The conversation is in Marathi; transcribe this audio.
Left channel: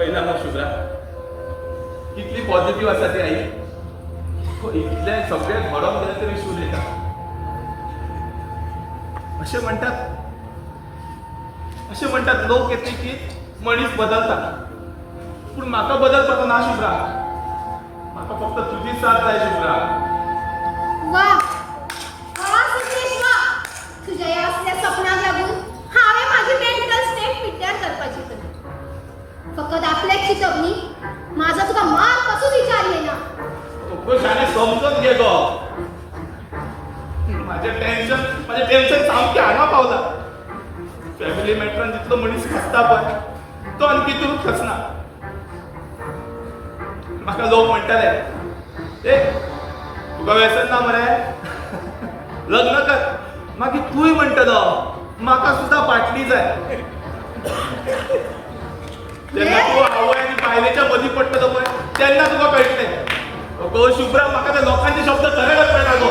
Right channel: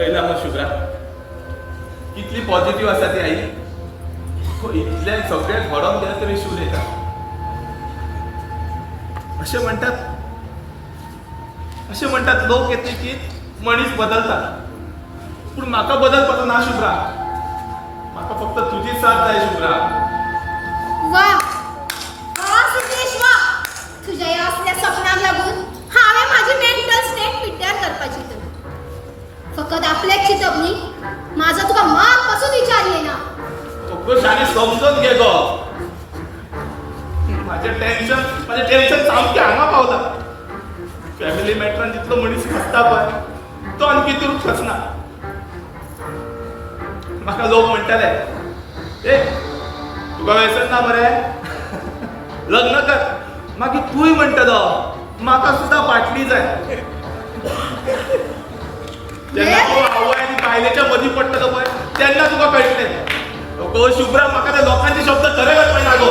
पहिला मग शुभ्रा कितली पॉझिटिव्ह आसा ती आई. इतले सगळे घडोवन गेले तरी शिव येता असे म्हणटात लोक येते की मनीस बदलता पण म्हाका बदलपाचो ना शुभ्रा. म्हाका फक्त तुझी साथ जाय शुभ्रा. वा वा सिद्धेश वा. तुझ्या या असल्या सपनाक लागून हांवें माझी मेंटल स्टेट पिड्ड्यार करपाची तर फकत आपल्याक चिंतप न्ही. माझं तुका माग पासून विचारले ना. शाने समजून घे गो. माझे टेन्शन सामकें हांगा पावला. फॅमिली मॅटरान जितलो मनीस फसता पळय तो आणखी तूं फसना. म्हाका लोक म्हणटाले ए तुका व्यसन ना मरे लग्न कर. मागीर तूंय म्हणटलो म्हाका सुद्दां फाटली जाय. जेन्ना तूं आवय आनी बायलेच्या मदीं पडटलो पळय तेन्ना तुका कळटलें. शुभ्रा म्हाका त्या लोकांचे शब्द खरे वचपाय ना गो.